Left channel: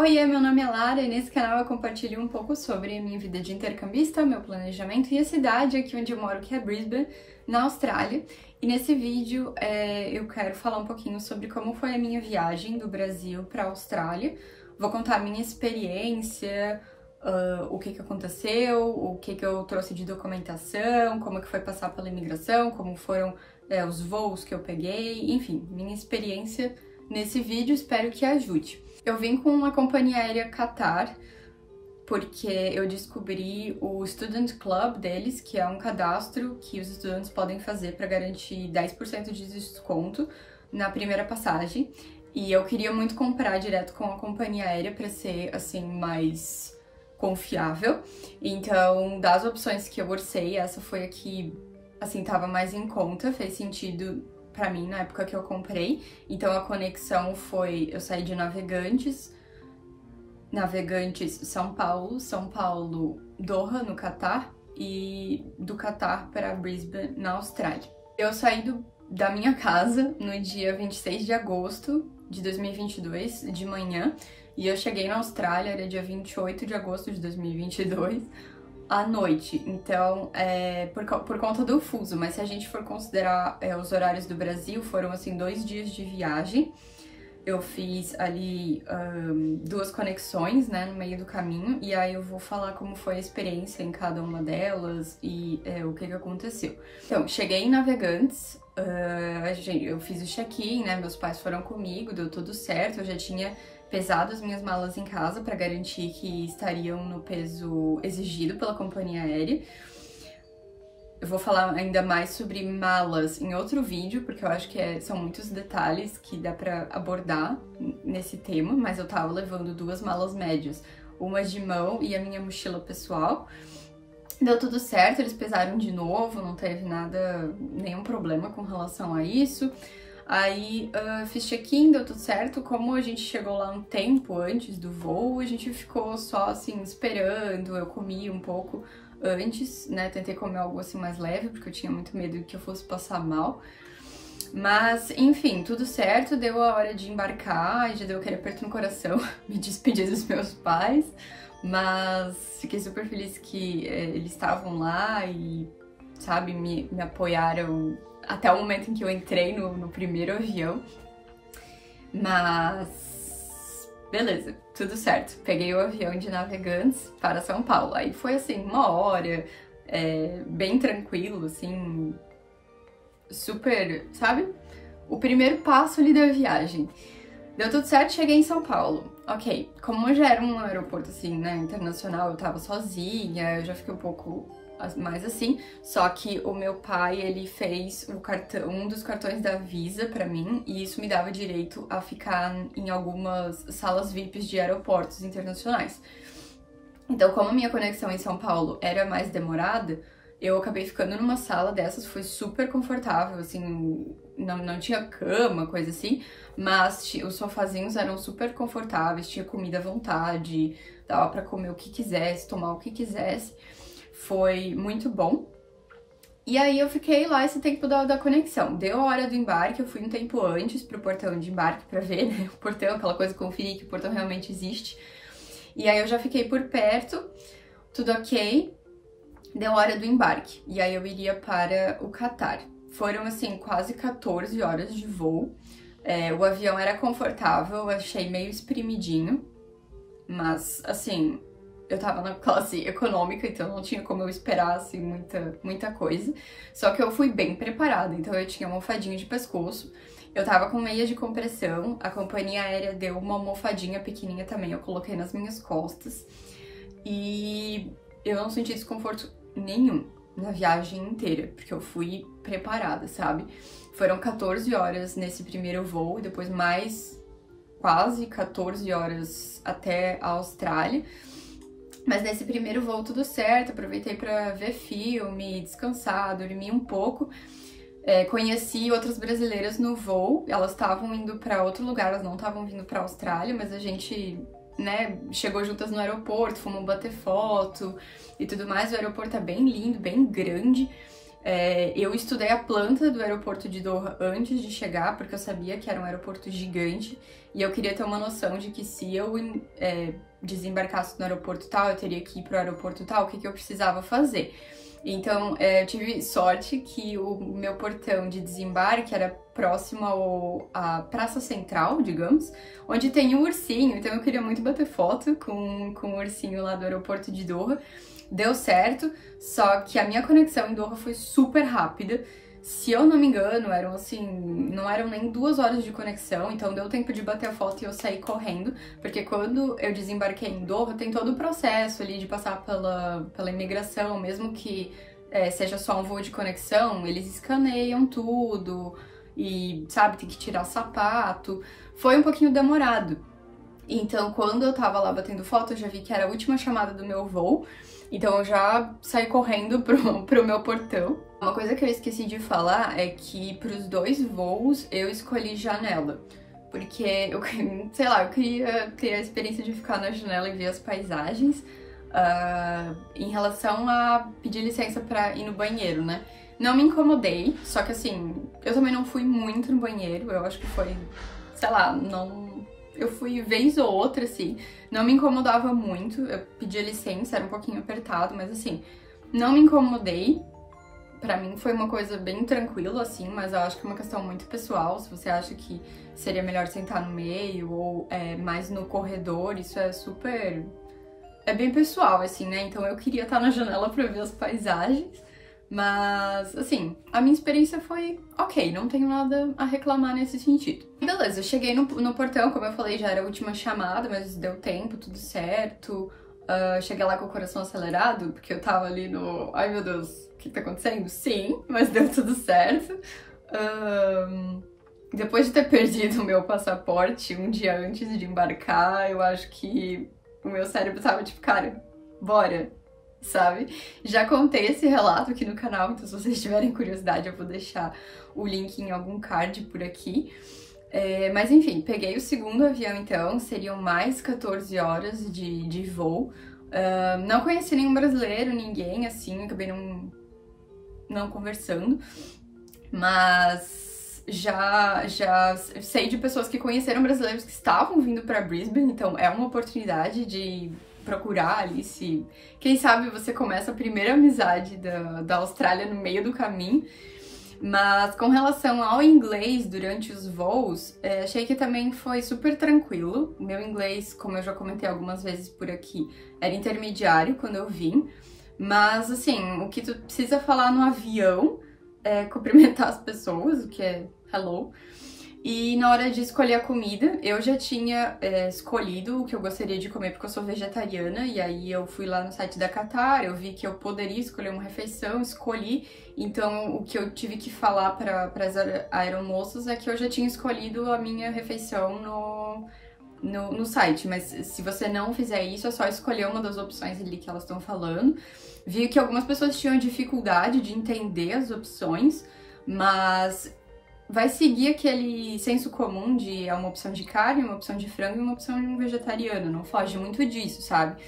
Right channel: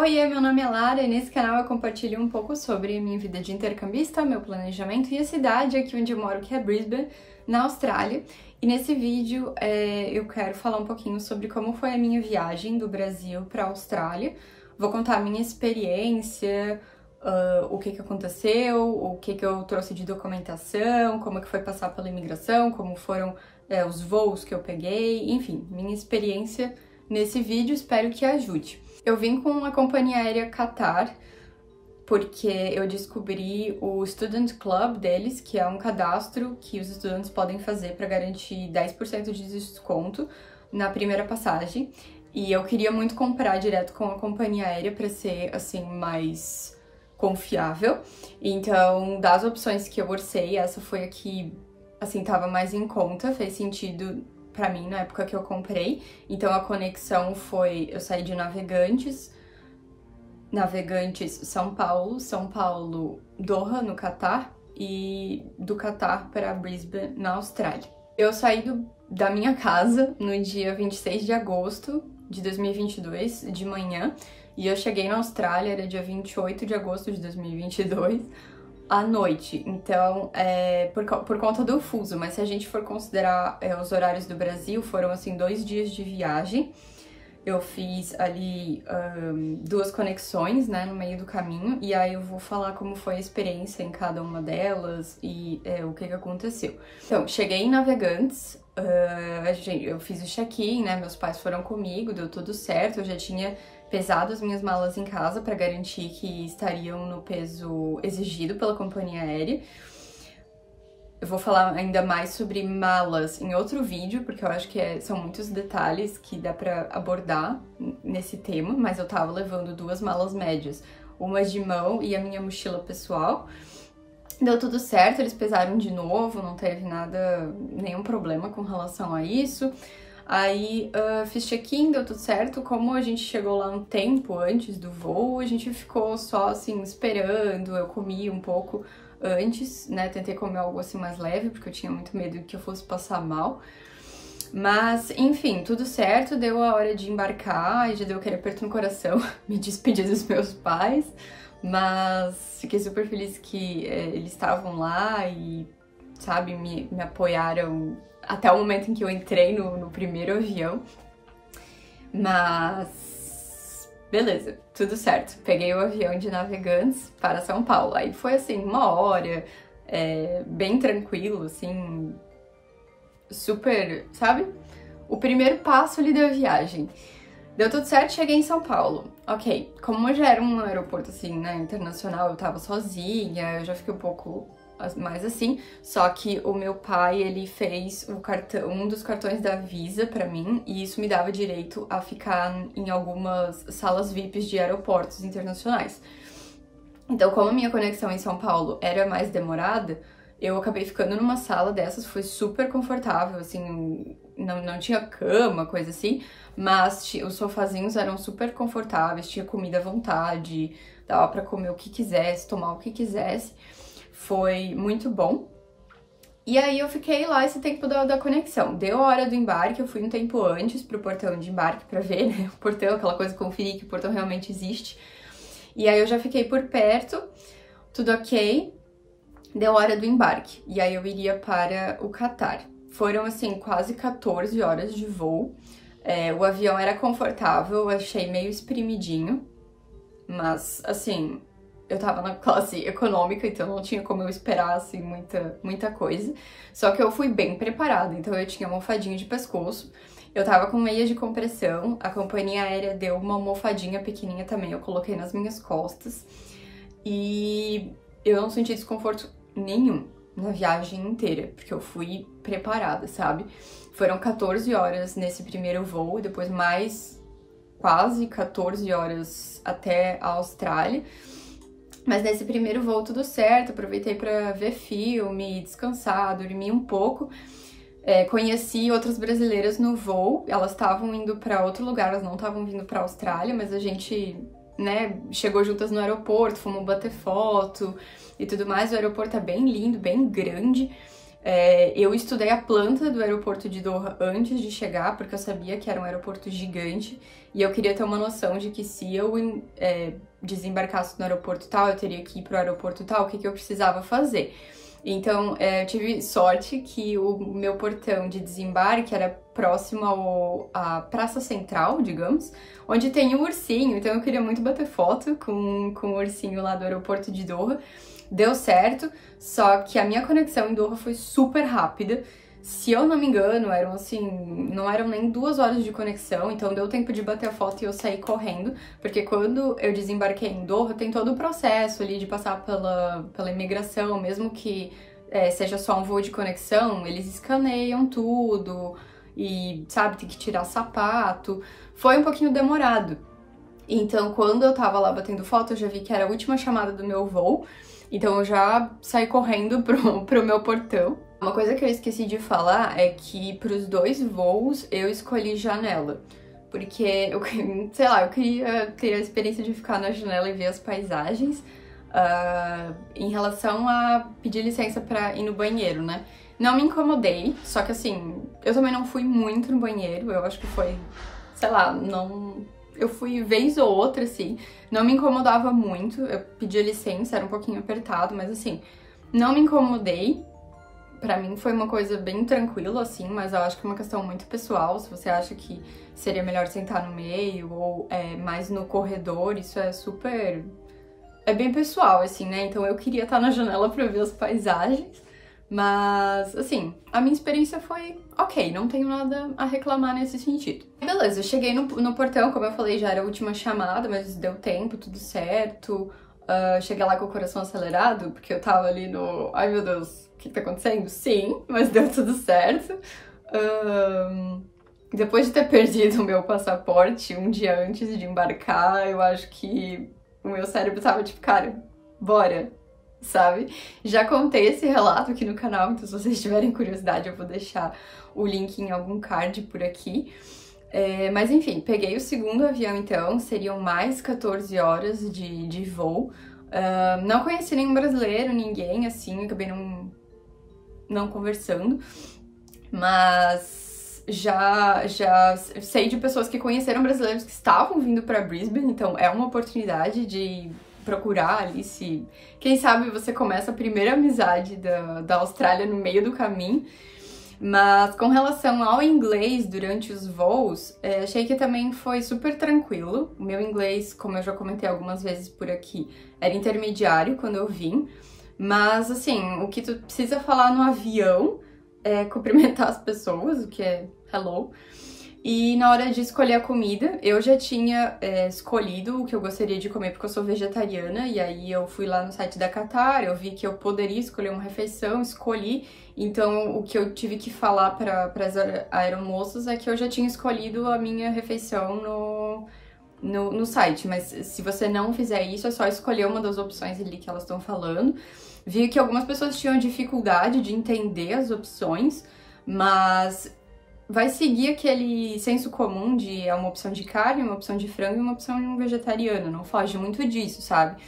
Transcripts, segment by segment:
Oiê, meu nome é Lara e nesse canal eu compartilho um pouco sobre minha vida de intercambista, meu planejamento e a cidade aqui onde eu moro, que é Brisbane, na Austrália. E nesse vídeo eu quero falar um pouquinho sobre como foi a minha viagem do Brasil para a Austrália. Vou contar a minha experiência, o que aconteceu, o que eu trouxe de documentação, como que foi passar pela imigração, como foram os voos que eu peguei, enfim, minha experiência nesse vídeo, espero que ajude. Eu vim com a companhia aérea Qatar, porque eu descobri o Student Club deles, que é um cadastro que os estudantes podem fazer para garantir 10% de desconto na primeira passagem. E eu queria muito comprar direto com a companhia aérea para ser, assim, mais confiável. Então, das opções que eu orcei, essa foi a que, assim, tava mais em conta, fez sentido pra mim na época que eu comprei. Então a conexão foi, eu saí de Navegantes São Paulo Doha no Catar e do Catar para Brisbane na Austrália. Eu saí da minha casa no dia 26 de agosto de 2022 de manhã e eu cheguei na Austrália, era dia 28 de agosto de 2022 à noite, então por conta do fuso, mas se a gente for considerar os horários do Brasil, foram assim 2 dias de viagem. Eu fiz ali 2 conexões, né, no meio do caminho, e aí eu vou falar como foi a experiência em cada uma delas e o que aconteceu. Então, cheguei em Navegantes, eu fiz o check-in, né, meus pais foram comigo, deu tudo certo, eu já tinha pesado as minhas malas em casa para garantir que estariam no peso exigido pela companhia aérea. Eu vou falar ainda mais sobre malas em outro vídeo, porque eu acho que são muitos detalhes que dá para abordar nesse tema, mas eu tava levando 2 malas médias, uma de mão e a minha mochila pessoal. Deu tudo certo, eles pesaram de novo, não teve nenhum problema com relação a isso. Aí fiz check-in, deu tudo certo. Como a gente chegou lá um tempo antes do voo, a gente ficou só assim esperando. Eu comi um pouco antes, né? Tentei comer algo assim mais leve, porque eu tinha muito medo de que eu fosse passar mal. Mas, enfim, tudo certo, deu a hora de embarcar, já deu aquele aperto no coração, me despedi dos meus pais, mas fiquei super feliz que eles estavam lá e, sabe, me apoiaram até o momento em que eu entrei no primeiro avião. Mas beleza, tudo certo. Peguei o avião de Navegantes para São Paulo. Aí foi assim, 1 hora, bem tranquilo, assim, super, sabe? O primeiro passo ali da viagem. Deu tudo certo, cheguei em São Paulo. Ok, como já era um aeroporto assim, né, internacional, eu tava sozinha, eu já fiquei um pouco mais assim, só que o meu pai, ele fez um dos cartões da Visa pra mim, e isso me dava direito a ficar em algumas salas VIPs de aeroportos internacionais. Então, como a minha conexão em São Paulo era mais demorada, eu acabei ficando numa sala dessas, foi super confortável, assim, não tinha cama, coisa assim, mas os sofazinhos eram super confortáveis, tinha comida à vontade, dava pra comer o que quisesse, tomar o que quisesse. Foi muito bom. E aí eu fiquei lá esse tempo da conexão. Deu a hora do embarque, eu fui um tempo antes pro portão de embarque pra ver, né, o portão, aquela coisa, conferir que o portão realmente existe. E aí eu já fiquei por perto, tudo ok. Deu a hora do embarque, e aí eu iria para o Catar. Foram, assim, quase 14 horas de voo. O avião era confortável, eu achei meio espremidinho, mas, assim, eu tava na classe econômica, então não tinha como eu esperar, assim, muita coisa. Só que eu fui bem preparada, então eu tinha almofadinha de pescoço, eu tava com meia de compressão, a companhia aérea deu uma almofadinha pequenininha também, eu coloquei nas minhas costas, e eu não senti desconforto nenhum na viagem inteira, porque eu fui preparada, sabe? Foram 14 horas nesse primeiro voo, e depois mais quase 14 horas até a Austrália. Mas nesse primeiro voo tudo certo, aproveitei pra ver filme, descansar, dormir um pouco. Conheci outras brasileiras no voo, elas estavam indo pra outro lugar, elas não estavam vindo pra Austrália, mas a gente, né, chegou juntas no aeroporto, fomos bater foto e tudo mais. O aeroporto é bem lindo, bem grande. Eu estudei a planta do aeroporto de Doha antes de chegar, porque eu sabia que era um aeroporto gigante e eu queria ter uma noção de que se eu desembarcasse no aeroporto tal, eu teria que ir pro aeroporto tal, o que eu precisava fazer. Então, eu tive sorte que o meu portão de desembarque era próximo à Praça Central, digamos, onde tem um ursinho, então eu queria muito bater foto com o ursinho lá do aeroporto de Doha. Deu certo, só que a minha conexão em Doha foi super rápida. Se eu não me engano, eram assim, não eram nem 2 horas de conexão, então deu tempo de bater a foto e eu sair correndo, porque quando eu desembarquei em Doha, tem todo o processo ali de passar pela imigração, mesmo que seja só um voo de conexão, eles escaneiam tudo e, sabe, tem que tirar sapato. Foi um pouquinho demorado. Então, quando eu tava lá batendo foto, eu já vi que era a última chamada do meu voo. Então eu já saí correndo pro meu portão. Uma coisa que eu esqueci de falar é que pros 2 voos eu escolhi janela. Porque, sei lá, eu queria ter a experiência de ficar na janela e ver as paisagens. Em relação a pedir licença pra ir no banheiro, né? Não me incomodei, só que assim, eu também não fui muito no banheiro. Eu acho que foi, sei lá, não... Eu fui vez ou outra, assim, não me incomodava muito, eu pedia licença, era um pouquinho apertado, mas assim, não me incomodei. Pra mim foi uma coisa bem tranquila, assim, mas eu acho que é uma questão muito pessoal. Se você acha que seria melhor sentar no meio ou mais no corredor, isso é super... É bem pessoal, assim, né? Então eu queria estar na janela pra ver as paisagens. Mas, assim, a minha experiência foi ok, não tenho nada a reclamar nesse sentido. Beleza, eu cheguei no portão, como eu falei, já era a última chamada, mas deu tempo, tudo certo. Cheguei lá com o coração acelerado, porque eu tava ali no... Ai, meu Deus, o que tá acontecendo? Sim, mas deu tudo certo. Depois de ter perdido o meu passaporte um dia antes de embarcar, eu acho que o meu cérebro tava tipo, cara, bora! Sabe? Já contei esse relato aqui no canal, então se vocês tiverem curiosidade eu vou deixar o link em algum card por aqui. Mas enfim, peguei o segundo avião então, seriam mais 14 horas de voo. Não conheci nenhum brasileiro, ninguém assim, acabei não conversando, mas já sei de pessoas que conheceram brasileiros que estavam vindo para Brisbane, então é uma oportunidade de procurar ali se... Quem sabe você começa a primeira amizade da Austrália no meio do caminho. Mas com relação ao inglês durante os voos, achei que também foi super tranquilo. O meu inglês, como eu já comentei algumas vezes por aqui, era intermediário quando eu vim. Mas, assim, o que tu precisa falar no avião é cumprimentar as pessoas, o que é hello. E na hora de escolher a comida, eu já tinha escolhido o que eu gostaria de comer, porque eu sou vegetariana, e aí eu fui lá no site da Qatar, eu vi que eu poderia escolher uma refeição, escolhi, então o que eu tive que falar para as aeromoças é que eu já tinha escolhido a minha refeição no site, mas se você não fizer isso, é só escolher uma das opções ali que elas estão falando. Vi que algumas pessoas tinham dificuldade de entender as opções, mas... vai seguir aquele senso comum de uma opção de carne, uma opção de frango e uma opção vegetariana, não foge muito disso, sabe?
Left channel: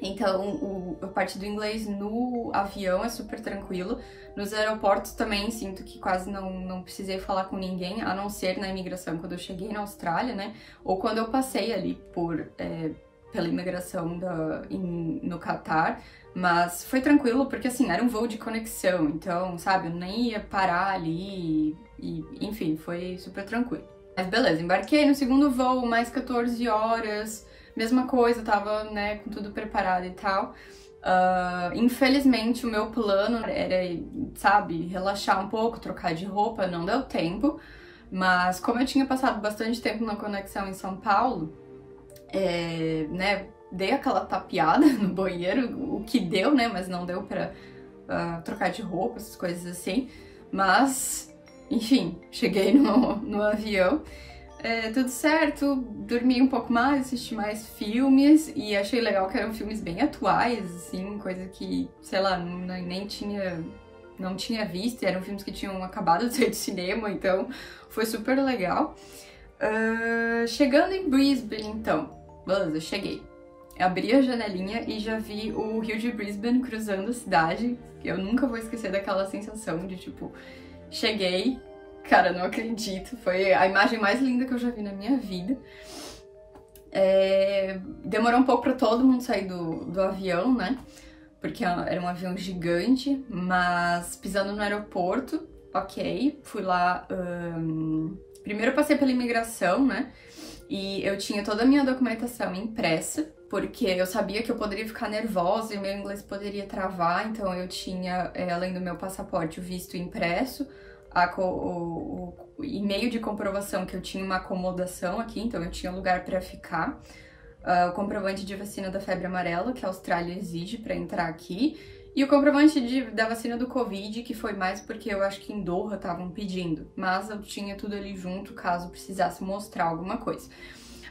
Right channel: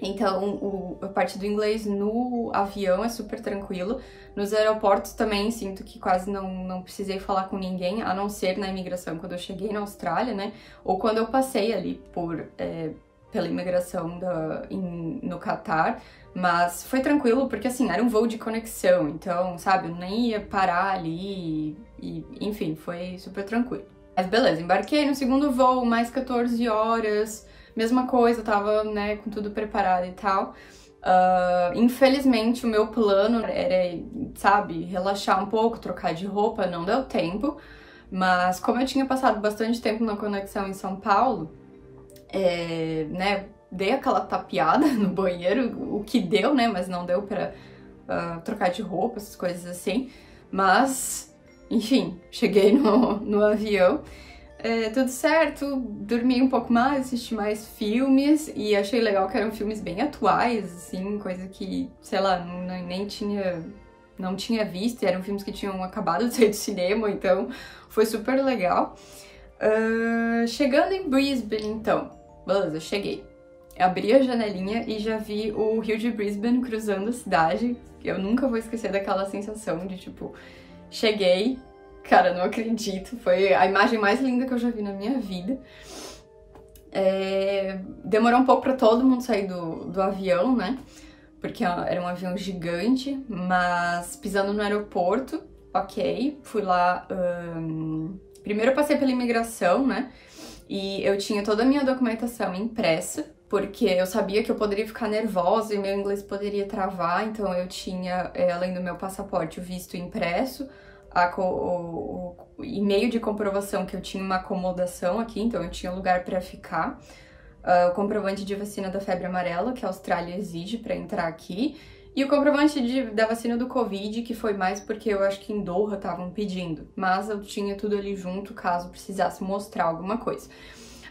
Então, a parte do inglês no avião é super tranquilo. Nos aeroportos também sinto que quase não precisei falar com ninguém, a não ser na imigração, quando eu cheguei na Austrália, né? Ou quando eu passei ali pela imigração no Catar. Mas foi tranquilo porque, assim, era um voo de conexão, então, sabe, eu nem ia parar ali e enfim, foi super tranquilo. Mas beleza, embarquei no segundo voo, mais 14 horas, mesma coisa, tava, né, com tudo preparado e tal. Infelizmente, o meu plano era, sabe, relaxar um pouco, trocar de roupa, não deu tempo. Mas como eu tinha passado bastante tempo na conexão em São Paulo, né, dei aquela tapeada no banheiro, o que deu, né, mas não deu pra trocar de roupa, essas coisas assim. Mas, enfim, cheguei no avião, tudo certo, dormi um pouco mais, assisti mais filmes e achei legal que eram filmes bem atuais, assim, coisa que, sei lá, não tinha visto, eram filmes que tinham acabado de sair do cinema, então foi super legal. Chegando em Brisbane, então, beleza, cheguei. abri a janelinha e já vi o rio de Brisbane cruzando a cidade. Eu nunca vou esquecer daquela sensação de, tipo, cheguei, cara, não acredito, foi a imagem mais linda que eu já vi na minha vida. Demorou um pouco pra todo mundo sair do avião, né? Porque era um avião gigante, mas pisando no aeroporto, ok, fui lá. Primeiro eu passei pela imigração, né? E eu tinha toda a minha documentação impressa, porque eu sabia que eu poderia ficar nervosa e meu inglês poderia travar, então eu tinha, além do meu passaporte, o visto impresso, o e-mail de comprovação que eu tinha uma acomodação aqui, então eu tinha lugar para ficar, o comprovante de vacina da febre amarela, que a Austrália exige para entrar aqui, e o comprovante da vacina do Covid, que foi mais porque eu acho que em Doha estavam pedindo, mas eu tinha tudo ali junto caso precisasse mostrar alguma coisa.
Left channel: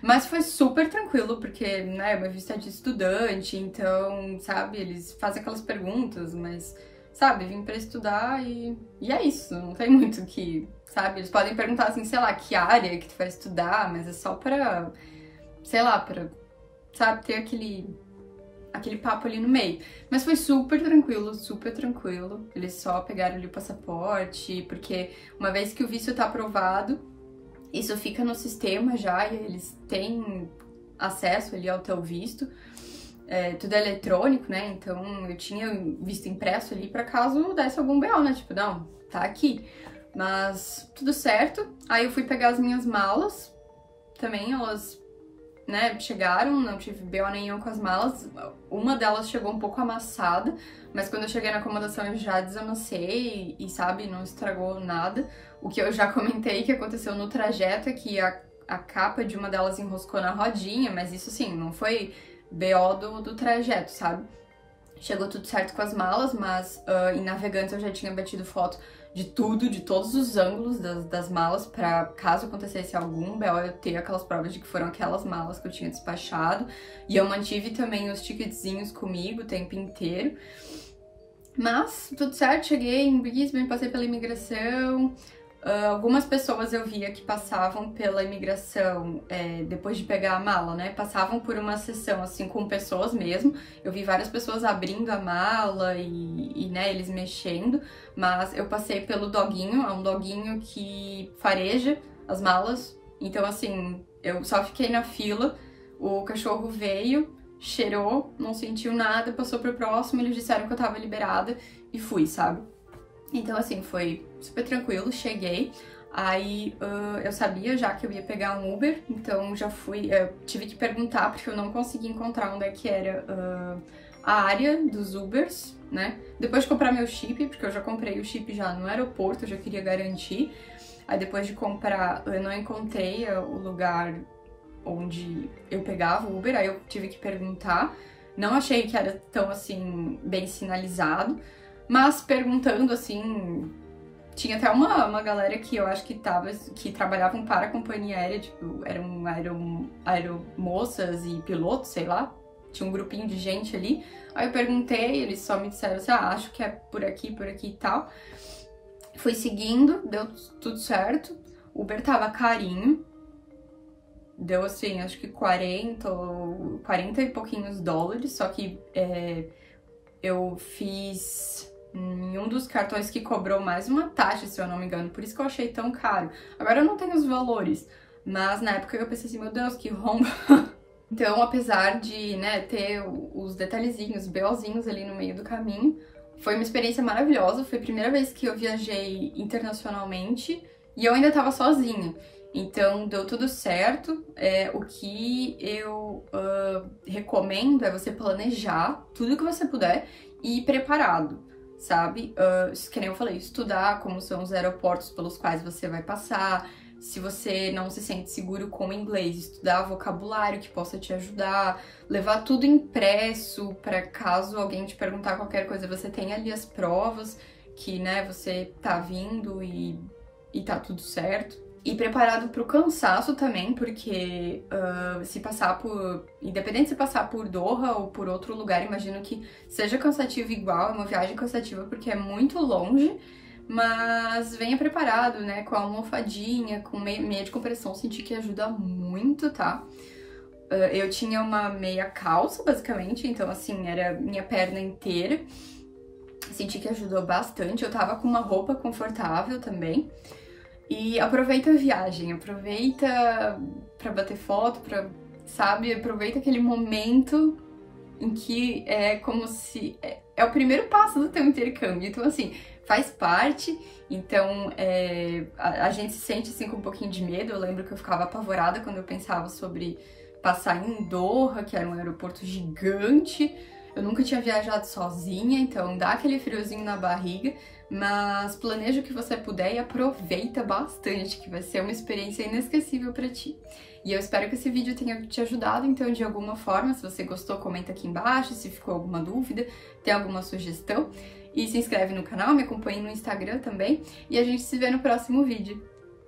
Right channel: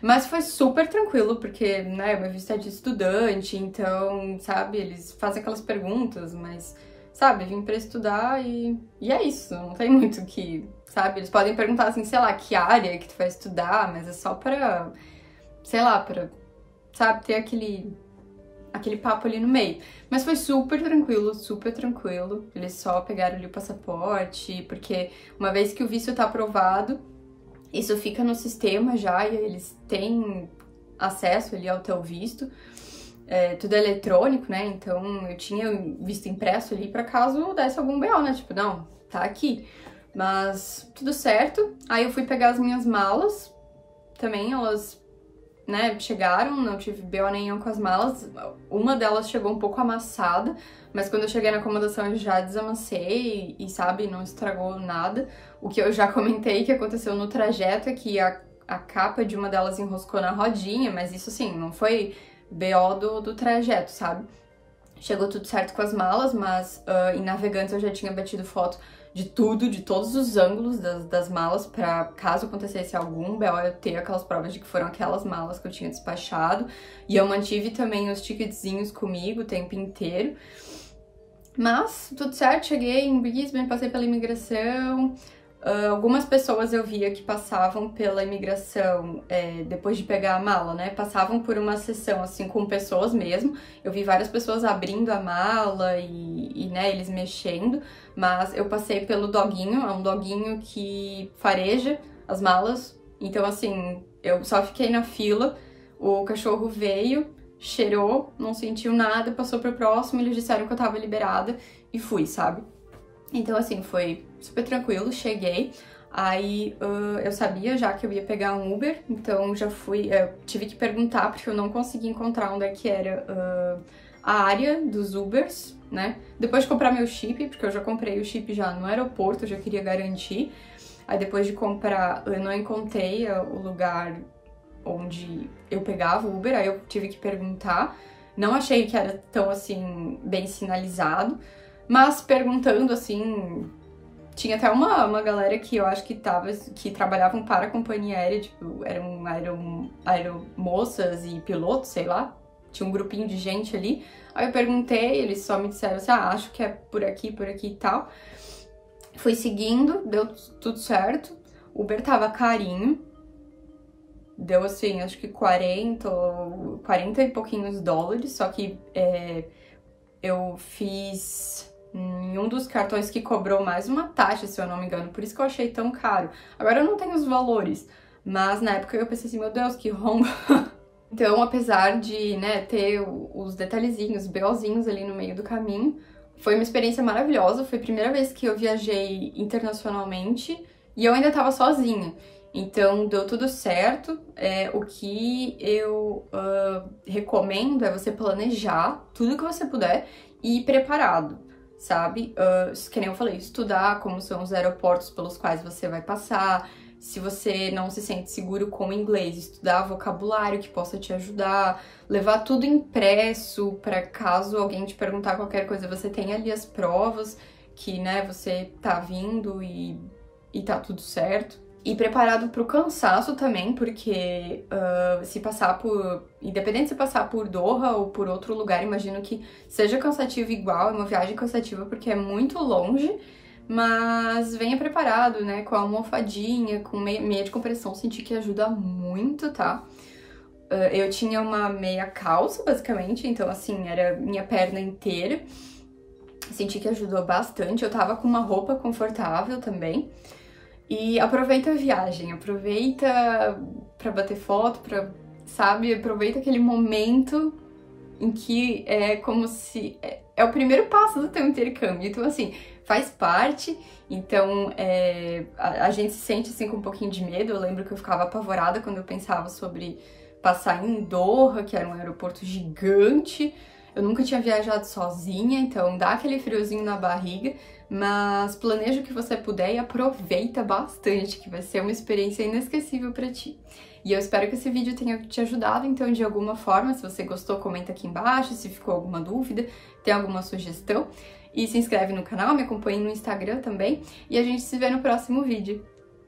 Mas foi super tranquilo, porque, né, meu visto é de estudante, então, sabe, eles fazem aquelas perguntas, mas, sabe, vim pra estudar e é isso, não tem muito que, sabe, eles podem perguntar, assim, sei lá, que área que tu vai estudar, mas é só pra, sei lá, pra, sabe, ter aquele papo ali no meio. Mas foi super tranquilo, eles só pegaram ali o passaporte, porque uma vez que o visto tá aprovado, isso fica no sistema já e eles têm acesso ali ao teu visto. Tudo é eletrônico, né? Então eu tinha visto impresso ali pra caso desse algum BO, né? Tipo, não, tá aqui. Mas tudo certo. Aí eu fui pegar as minhas malas. Também elas, né, chegaram, não tive BO nenhum com as malas. Uma delas chegou um pouco amassada, mas quando eu cheguei na acomodação eu já desamassei e sabe, não estragou nada. O que eu já comentei que aconteceu no trajeto é que a capa de uma delas enroscou na rodinha, mas isso assim, não foi BO do trajeto, sabe? Chegou tudo certo com as malas, mas em Navegantes eu já tinha batido foto de tudo, de todos os ângulos das malas, pra caso acontecesse algum BO eu ter aquelas provas de que foram aquelas malas que eu tinha despachado. E eu mantive também os ticketzinhos comigo o tempo inteiro. Mas tudo certo, cheguei em Brisbane, passei pela imigração. Algumas pessoas eu via que passavam pela imigração depois de pegar a mala, né? Passavam por uma sessão assim com pessoas mesmo. Eu vi várias pessoas abrindo a mala e né, eles mexendo. Mas eu passei pelo doguinho, é um doguinho que fareja as malas. Então assim, eu só fiquei na fila, o cachorro veio, cheirou, não sentiu nada, passou pro próximo, eles disseram que eu tava liberada e fui, sabe? Então, assim, foi super tranquilo, cheguei, aí eu sabia já que eu ia pegar um Uber, então já fui, tive que perguntar porque eu não consegui encontrar onde é que era a área dos Ubers, né? Depois de comprar meu chip, porque eu já comprei o chip já no aeroporto, eu já queria garantir, aí depois de comprar eu não encontrei o lugar onde eu pegava o Uber, aí eu tive que perguntar, não achei que era tão, assim, bem sinalizado, mas perguntando, assim, tinha até uma galera que eu acho que trabalhavam para a companhia aérea, tipo, eram aeromoças e pilotos, sei lá, tinha um grupinho de gente ali. Aí eu perguntei, eles só me disseram assim, acho que é por aqui e tal. Fui seguindo, deu tudo certo, o Uber tava carinho, deu assim, acho que 40 e pouquinhos dólares, só que eu fiz em um dos cartões que cobrou mais uma taxa, se eu não me engano, por isso que eu achei tão caro. Agora eu não tenho os valores, mas na época eu pensei assim, meu Deus, que rombo. Então, apesar de, né, ter os detalhezinhos, BOzinhos ali no meio do caminho, foi uma experiência maravilhosa, foi a primeira vez que eu viajei internacionalmente e eu ainda tava sozinha. Então, deu tudo certo. O que eu recomendo é você planejar tudo que você puder e ir preparado, sabe? Que nem eu falei, estudar como são os aeroportos pelos quais você vai passar. Se você não se sente seguro com o inglês, estudar vocabulário que possa te ajudar. Levar tudo impresso para caso alguém te perguntar qualquer coisa, você tenha ali as provas que, né, você tá vindo e tá tudo certo. E preparado pro cansaço também, porque se passar por... Independente se passar por Doha ou por outro lugar, imagino que seja cansativo igual, é uma viagem cansativa porque é muito longe, mas venha preparado, né, com a almofadinha, com meia de compressão, senti que ajuda muito, tá? Eu tinha uma meia calça, basicamente, então assim, era minha perna inteira. Senti que ajudou bastante, eu tava com uma roupa confortável também. E aproveita a viagem, aproveita pra bater foto, sabe? Aproveita aquele momento em que é como se... É o primeiro passo do teu intercâmbio, então assim, faz parte. Então a gente se sente assim com um pouquinho de medo. Eu lembro que eu ficava apavorada quando eu pensava sobre passar em Doha, que era um aeroporto gigante. Eu nunca tinha viajado sozinha, então dá aquele friozinho na barriga, mas planeja o que você puder e aproveita bastante, que vai ser uma experiência inesquecível pra ti. E eu espero que esse vídeo tenha te ajudado, então, de alguma forma. Se você gostou, comenta aqui embaixo, se ficou alguma dúvida, tem alguma sugestão. E se inscreve no canal, me acompanhe no Instagram também, e a gente se vê no próximo vídeo.